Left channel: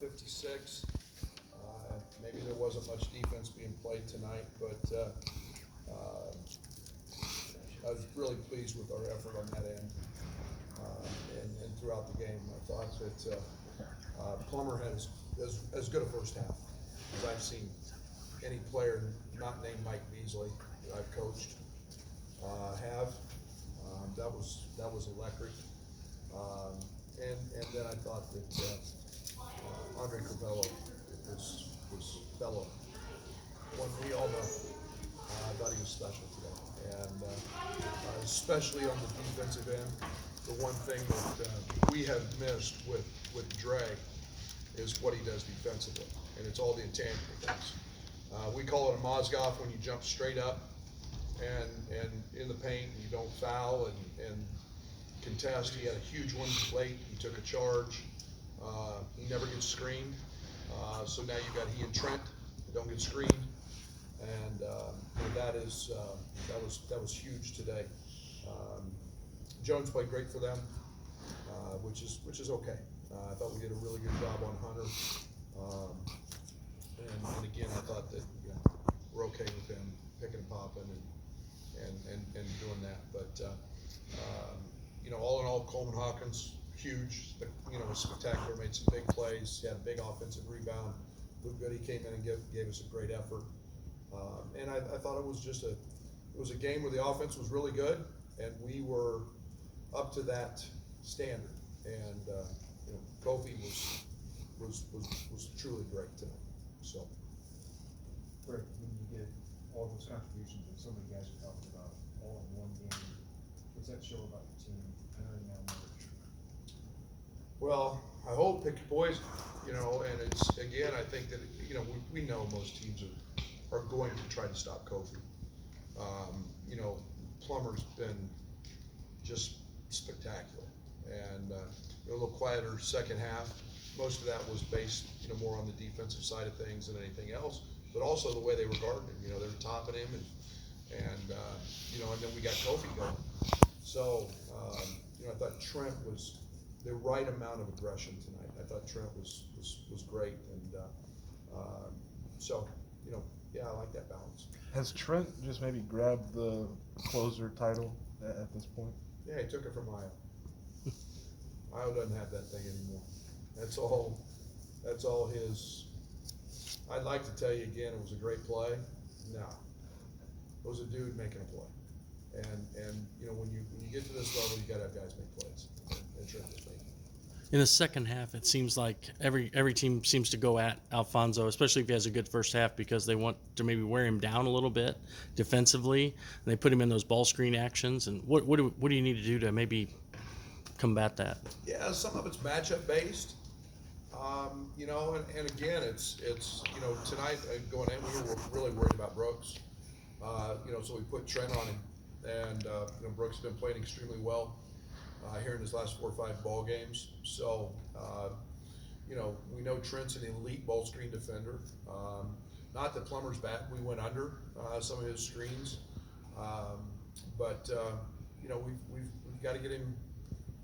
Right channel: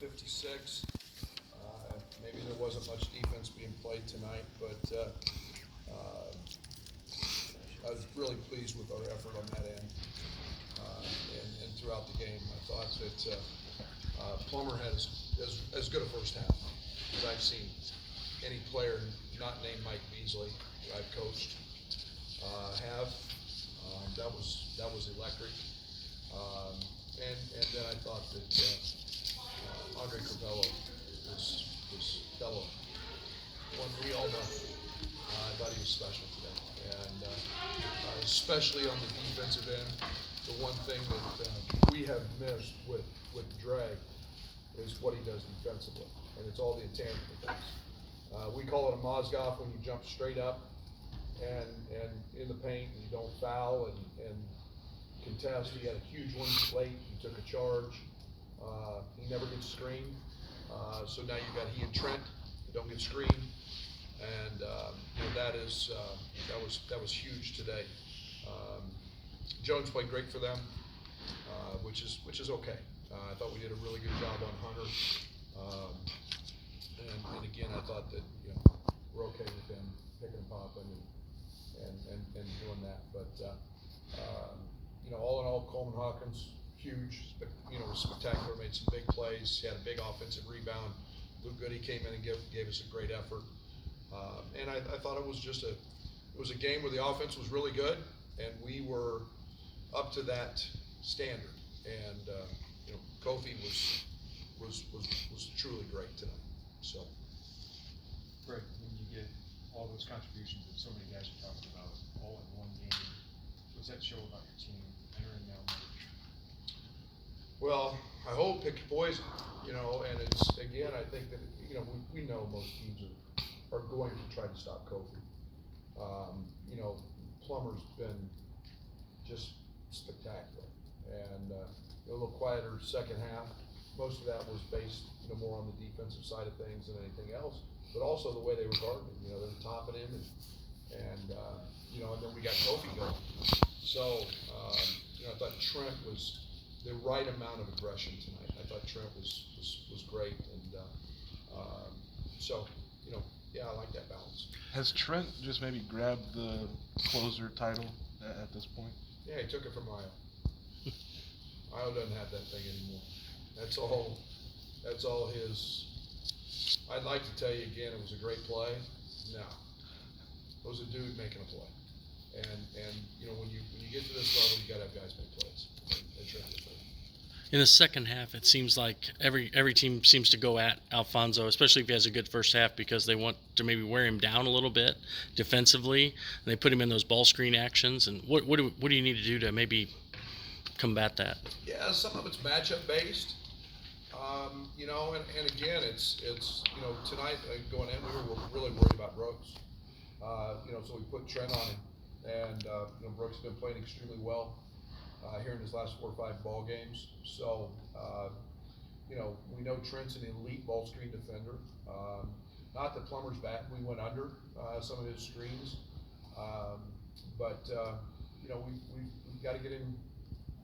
56. Maybe there wasn't much defense being played tonight, but I was really pleased with our effort on that end and throughout the game. I thought that Plummer had as good a first half as I've seen any player not named Mike Beasley who I've coached have. That was electric. And then I thought that Andre Carvello was fellow. One we all know. I thought he was special today, and especially on the defensive end. The one thing that we have missed with Dre is what he does defensively, and it's all the intangible things. We call it a Mozgov when you jump straight up and in the paint and you don't foul and contest. He had a huge one late. He took a charge. He never gets screened. So now you've got he and Trent that don't get screened, and that was huge today. Jones played great for them, which is okay. I thought we did a really good job on Hunter, and again I thought that we're okay with them picking and popping and doing that. But all in all, Coleman Hawkins, huge, was spectacular, made some big plays. He had a big offensive rebound. Luke Goody came in and gave us a great effort. And I thought it was a game where the offense was really good, and we were up to that standard. And Kofi was truly great tonight. So. Right, when you get all those contributions that so many guys are talking about all in one game, what's that show about your team entering now March? Well, I hope pick your poison, and it's, again, I think that, we know most teams are going to try to stop Kofi. Plummer's been just spectacular, and a little quieter second half. Most of that was based, more on the defensive side of things than anything else, but also the way they were guarding him. They were topping him, and then we got Kofi going. So, I thought Trent was the right amount of aggression tonight. I thought Trent was great, and I like that balance. Has Trent just maybe grabbed the closer title at this point? Yeah, he took it from Io. Io doesn't have that thing anymore. That's all his. I'd like to tell you again, it was a great play. No, it was a dude making a play. And when you get to this level, you gotta have guys make plays. And Trent did. In the second half, it seems like every team seems to go at Alfonso, especially if he has a good first half, because they want to maybe wear him down a little bit defensively, and they put him in those ball screen actions. And what do you need to do to maybe combat that? Yeah, some of it's matchup based. And again, it's tonight going in, we were really worried about Brooks. So we put Trent on him, and Brooks has been playing extremely well here in his last 4 or 5 ball games. So we know Trent's an elite ball screen defender. Not that Plummer's bad. We went under some of his screens, but we've got to get him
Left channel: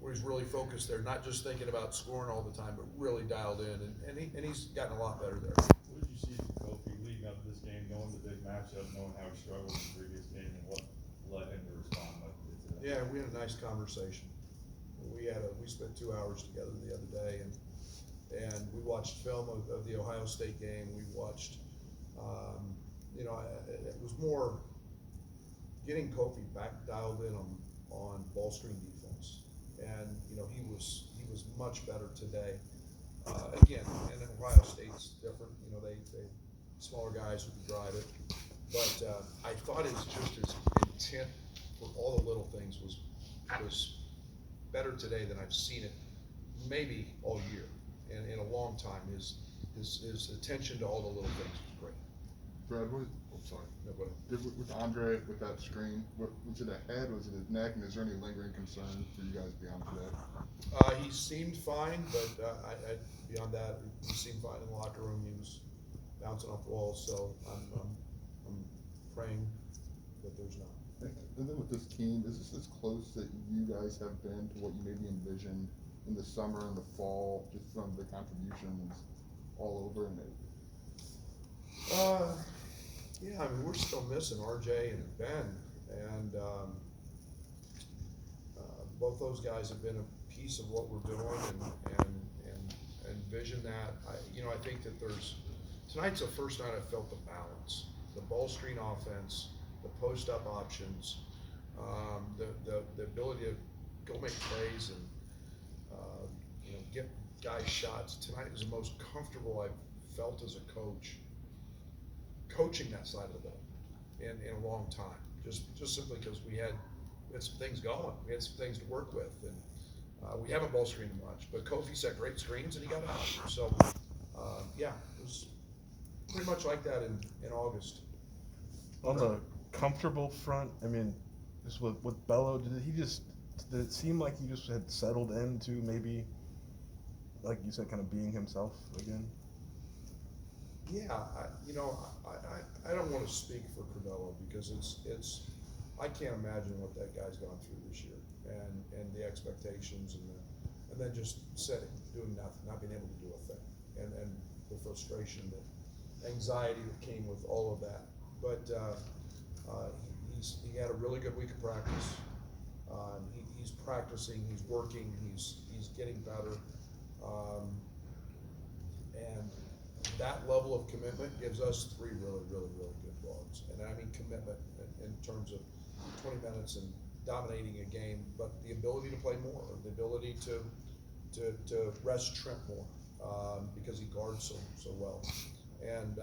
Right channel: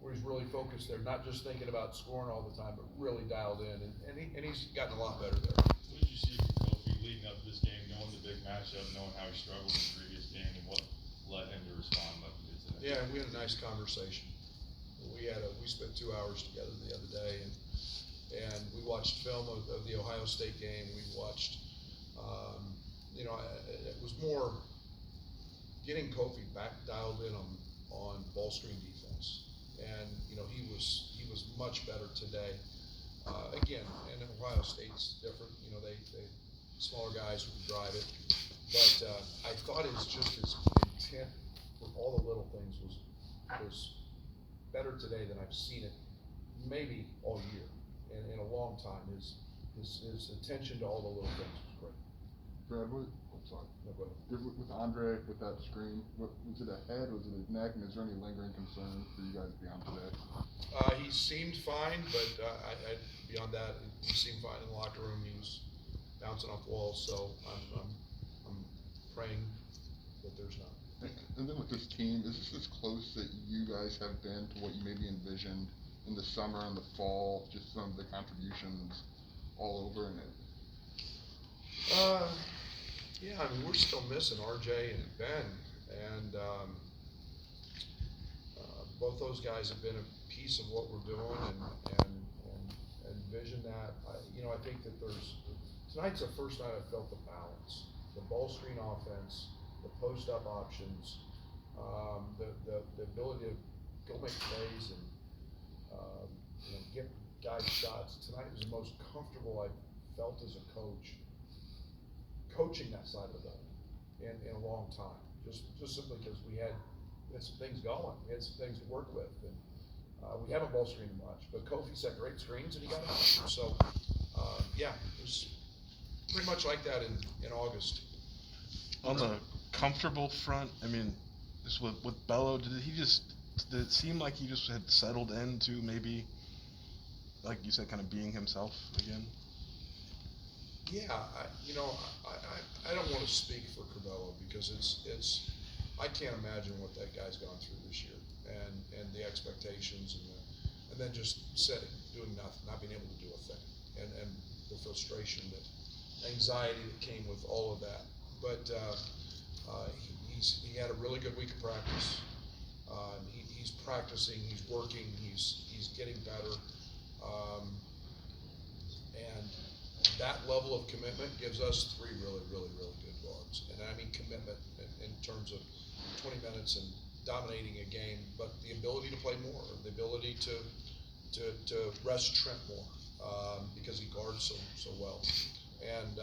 where he's really focused there, not just thinking about scoring all the time, but really dialed in, and he's gotten a lot better there. What did you see from Kofi leading up to this game, knowing the big matchup, knowing how he struggled in the previous game, and what led him to respond like he did today? Yeah, we had a nice conversation. We spent 2 hours together the other day, and we watched film of the Ohio State game. We watched, it was more getting Kofi back dialed in on ball screen defense, and he was much better today. Again, and Ohio State's different. They smaller guys who can drive it, but I thought his intent for all the little things was better today than I've seen it maybe all year and in a long time. His attention to all the little things was great. Brad, no, go ahead. With Andre, with that screen, was it a head, was it his neck, and is there any lingering concern for you guys beyond today? He seemed fine, but beyond that, he seemed fine in the locker room. He was bouncing off walls, so I'm praying that there's not. And then with this team, is this as close that you guys have been to what you maybe envisioned in the summer and the fall, just some of the contributions all over and it. Yeah, I mean, we're still missing RJ and Ben, and both those guys have been a piece of what we're doing and vision that. I think that tonight's the first night I felt the balance, the ball screen offense, the post up options, the ability to go make plays and get guys shots. Tonight was the most comfortable I've felt as a coach, coaching that side of the ball in a long time. Just simply because we had some things going, we had some things to work with, and we haven't ball screened much. But Kofi set great screens and he got out. So yeah, it was pretty much like that in August. On the comfortable front, I mean, just with Bello, did it seem like he just had settled into maybe, like you said, kind of being himself again? Yeah, I don't want to speak for Curbelo because I can't imagine what that guy's gone through this year and the expectations and then just sitting, doing nothing, not being able to do a thing, and the frustration, the anxiety that came with all of that. But he had a really good week of practice. He's practicing, he's working, he's getting better, and that level of commitment gives us three really, really, really good guards. And I mean commitment in terms of 20 minutes and dominating a game, but the ability to play more, the ability to rest Trent more, because he guards so well. And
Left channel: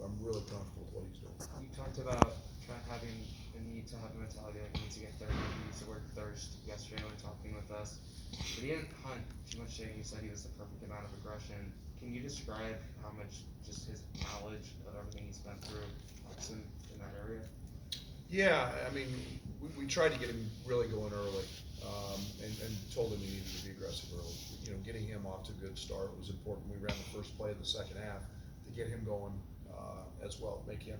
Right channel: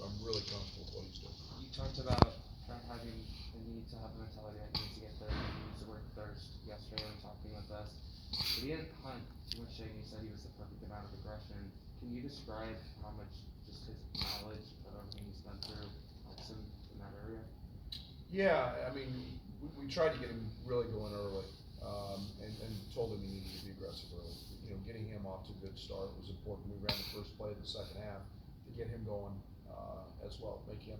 I'm really comfortable with what he's doing. You talked about Trent having the need to have a mentality like he needs to get third, he needs to work thirst yesterday when talking with us. But he didn't hunt too much today. He said he was the perfect amount of aggression. Can you describe how much just his knowledge of everything he's been through helps him in that area? Yeah, I mean, we tried to get him really going early, and told him he needed to be aggressive early. Getting him off to a good start was important. We ran the first play of the second half to get him going as well, make him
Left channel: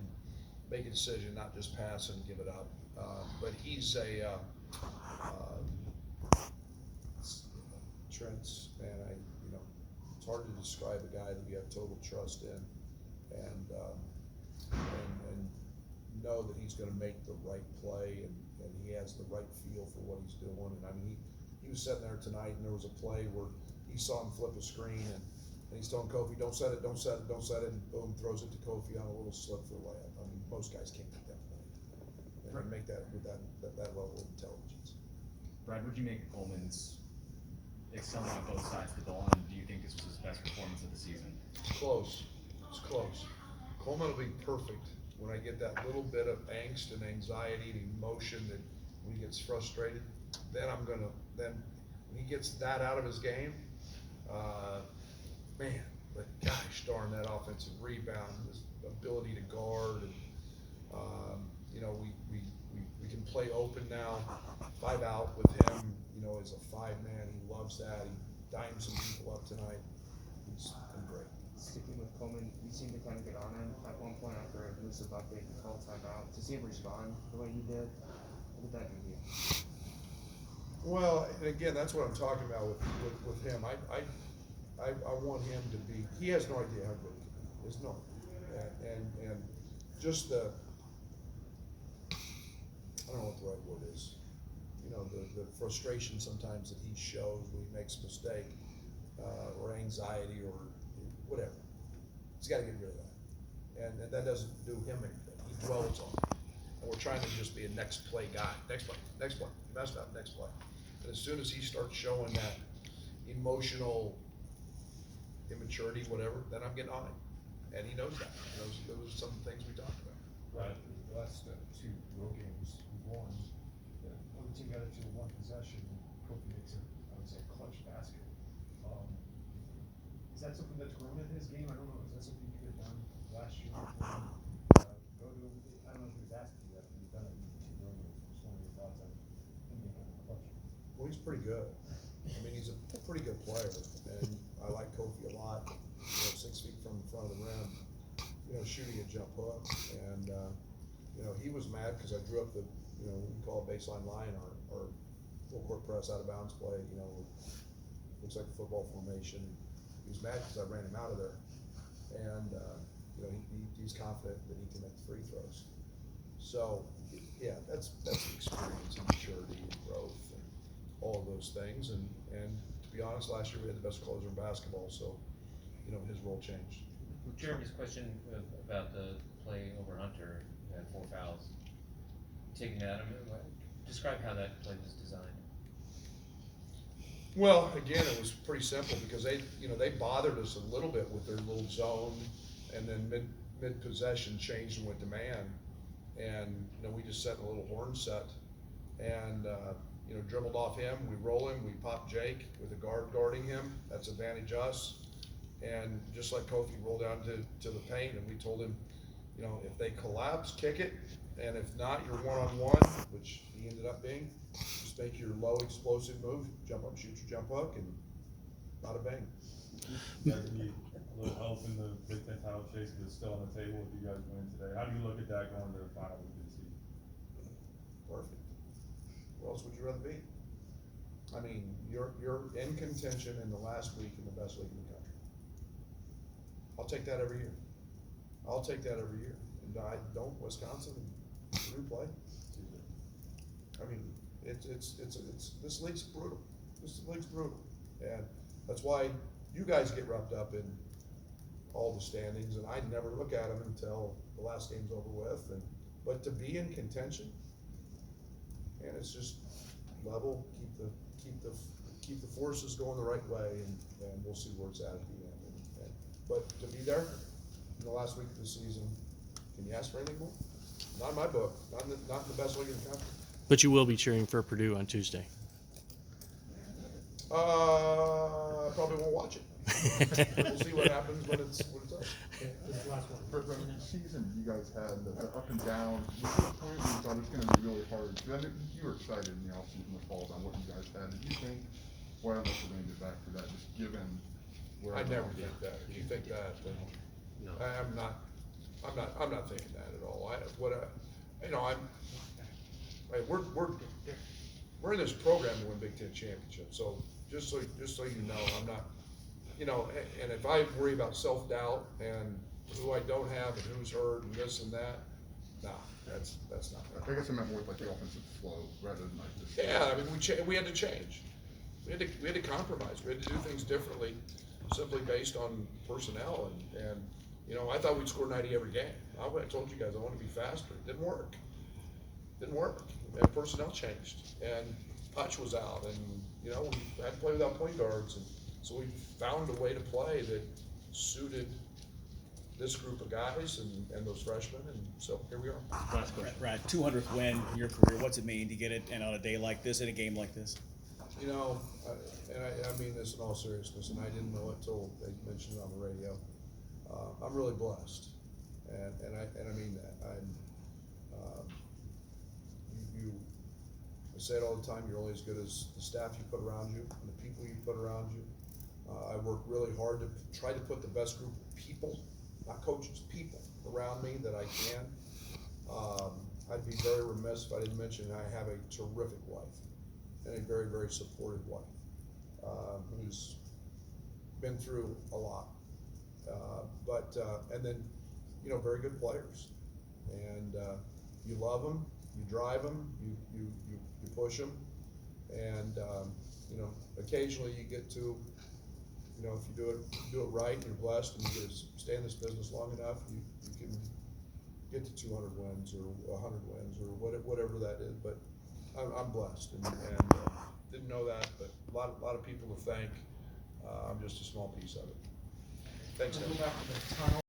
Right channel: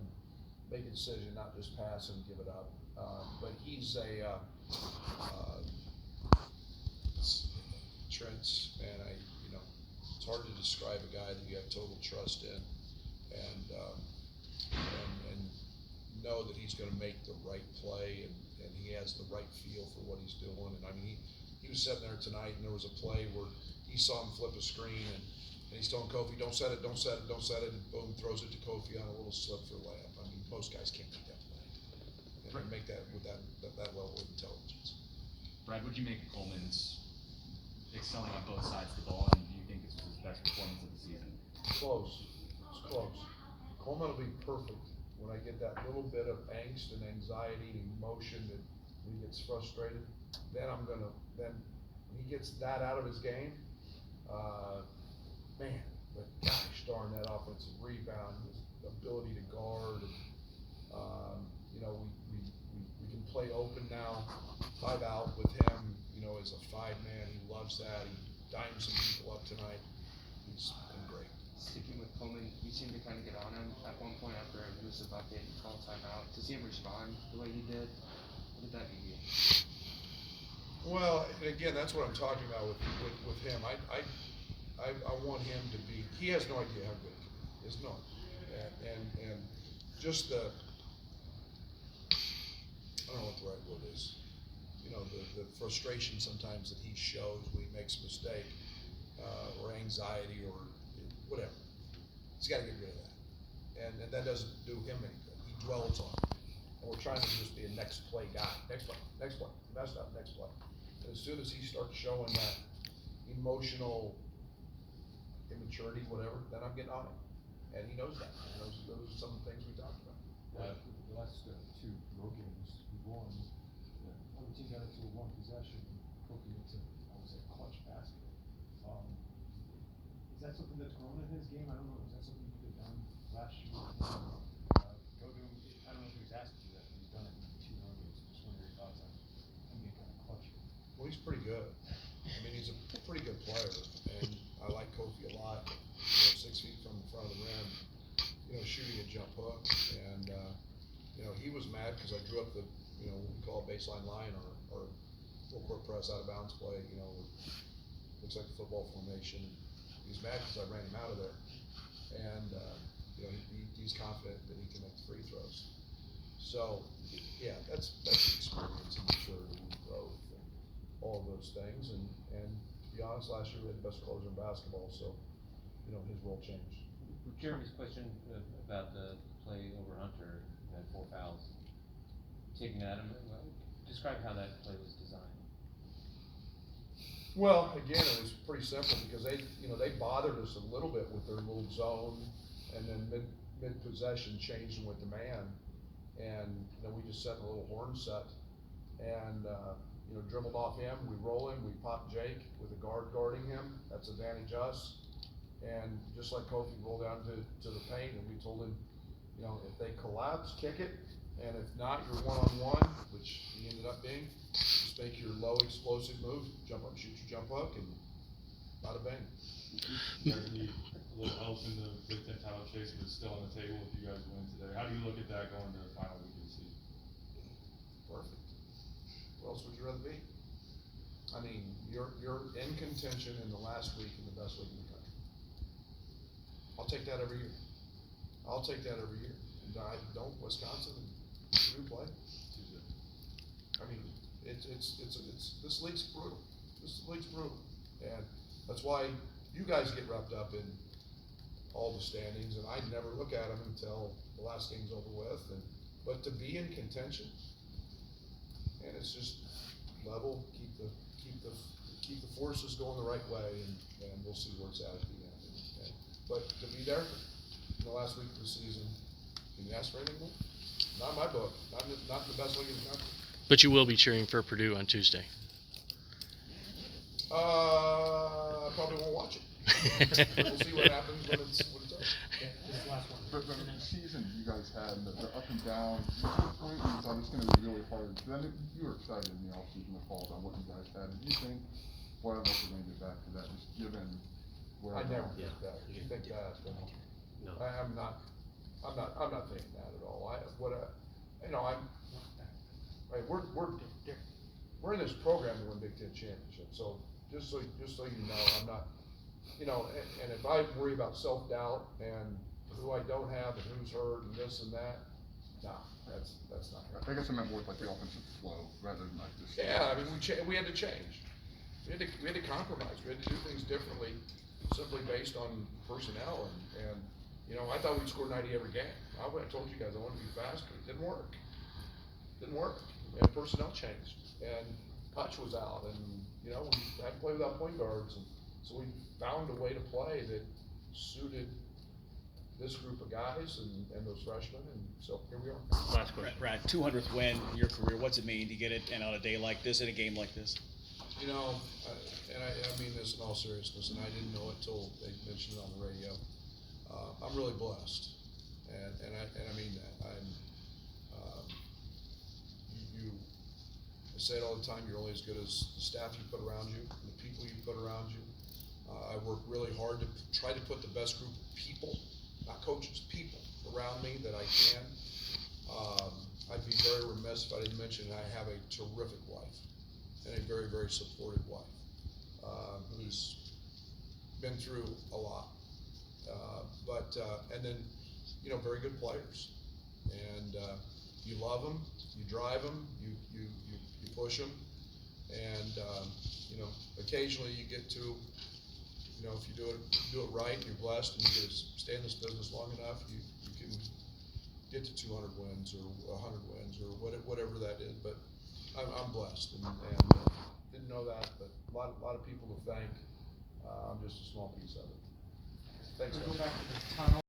make a decision, not just pass and give it up. But he's Trent's, man, it's hard to describe a guy that you have total trust in, and know that he's going to make the right play, and he has the right feel for what he's doing. And I mean, he was sitting there tonight, and there was a play where he saw him flip a screen, and he's telling Kofi, don't set it, don't set it, don't set it, and boom, throws it to Kofi on a little slip for a layup. I mean, most guys can't make that play, and make that with that level of intelligence. Brad, would you make Coleman's excelling on both sides of the ball, and do you think this was his best performance of the season? Close. It's close. Coleman will be perfect when I get that little bit of angst and anxiety and emotion that when he gets frustrated, then when he gets that out of his game, man, but gosh darn, that offensive rebound, his ability to guard, and we can play open now, 5 out with him, as a 5-man. He loves that. He dimed some people up tonight. He's been great. Sticking with Coleman, you seemed to kind of get on him at one point after a elusive update and call timeout. To see him respond the way he did, what did that mean to you? Well, and again, that's what I'm talking about with him. I want him to be. He has no idea how good he can be. He has no idea. And just the, I don't know what the right word is. The frustration sometimes that he shows when he makes a mistake, or anxiety or whatever. He's got to get rid of that. And that doesn't do him any good. He dwells on it. And we're trying to just be a next play guy. Next play, next play. He messed up, next play. And as soon as he starts showing that emotional immaturity, whatever, then I'm getting on him. And he knows that. He knows those are some of the things we talked about. Right. The last 2 road games we won, one team got it to a 1 possession, and Kofi makes I would say, clutch basket. Is that something that's grown in his game? I don't know. Is that something you could have done last year? I don't know if he was asked to do that, but he's done it in 2 road games. Just wondering your thoughts on him being kind of clutch. Well, he's pretty good. I mean, he's a pretty good player, and I like Kofi a lot. 6 feet from the front of the rim, shooting a jump hook, and he was mad because I drew up the, what we call a baseline line or full court press out of bounds play. Looks like a football formation. He's mad because I ran him out of there. And, you know, he's confident that he can make the free throws. So, yeah, that's experience and maturity and growth and all of those things. And to be honest, last year we had the best closer in basketball, so, you know, his role changed. Jeremy's question about the play over Hunter, had 4 fouls. Taking that, describe how that play was designed. Well, again, it was pretty simple because they bothered us a little bit with their little zone, and then mid possession changed and went to man, and we just set a little horn set, and dribbled off him. We roll him. We pop Jake with a guard guarding him. That's advantage us, and just like Kofi rolled down to the paint, and we told him, if they collapse, kick it, and if not, you're one-on-one, which he ended up being. Just make your low explosive move, jump up, shoot your jump hook, and bada bang. You guys need a little help in the Big Ten title chase, but it's still on the table if you guys win today. How do you look at that going to the final week of the season? Perfect. Where else would you rather be? I mean, you're in contention in the last week in the best league in the country. I'll take that every year. I'll take that every year. And don't Wisconsin and Purdue play? I mean, it's this league's brutal. This league's brutal, and that's why you guys get wrapped up in all the standings, and I never look at them until the last game's over with. But to be in contention, and it's just level, keep the forces going the right way, and we'll see where it's at the end. But to be there in the last week of the season, can you ask for anything more? Not in my book. Not in the best league in the country. But you will be cheering for Purdue on Tuesday. I probably won't watch it. We'll see what happens when it's over. This last one. But the season you guys had, the up and down, was there a point where you thought it's going to be really hard? Because I know you were excited in the offseason to fall on what you guys had. Did you think, boy, I'd like to bring it back to that, just given where I never think that. If you think that, then I'm not thinking that at all. We're in this program to win Big Ten championships. So just so you know, I'm not, and if I worry about self-doubt and who I don't have and who's hurt and this and that, nah, that's not. I guess I meant more with like the offensive flow rather than like just. Yeah, I mean, we had to change. We had to compromise. We had to do things differently, simply based on personnel. And I thought we'd score 90 every game. I told you guys I wanted to be faster. It didn't work. And personnel changed. And Hutch was out. And, we had to play without point guards. And so we found a way to play that suited this group of guys and those freshmen. And so here we are. Last question. Brad, 200th win in your career. What's it mean to get it and on a day like this, in a game like this? I mean this in all seriousness, and I didn't know it till they mentioned it on the radio. I'm really blessed, and I mean that. I say it all the time. You're only as good as the staff you put around you and the people you put around you. I work really hard to try to put the best group of people, not coaches, people around me that I can. I'd be very remiss if I didn't mention I have a terrific wife and a very, very supportive wife who's been through a lot. And then, very good players. And you love them, you drive them, you push them. And, occasionally you get to, if you do it right and you're blessed and you get to stay in this business long enough, you can get to 200 wins or 100 wins or whatever that is. But I'm blessed and didn't know that, but a lot of people to thank. I'm just a small piece of it. Thanks, guys. We'll go back to the tunnel.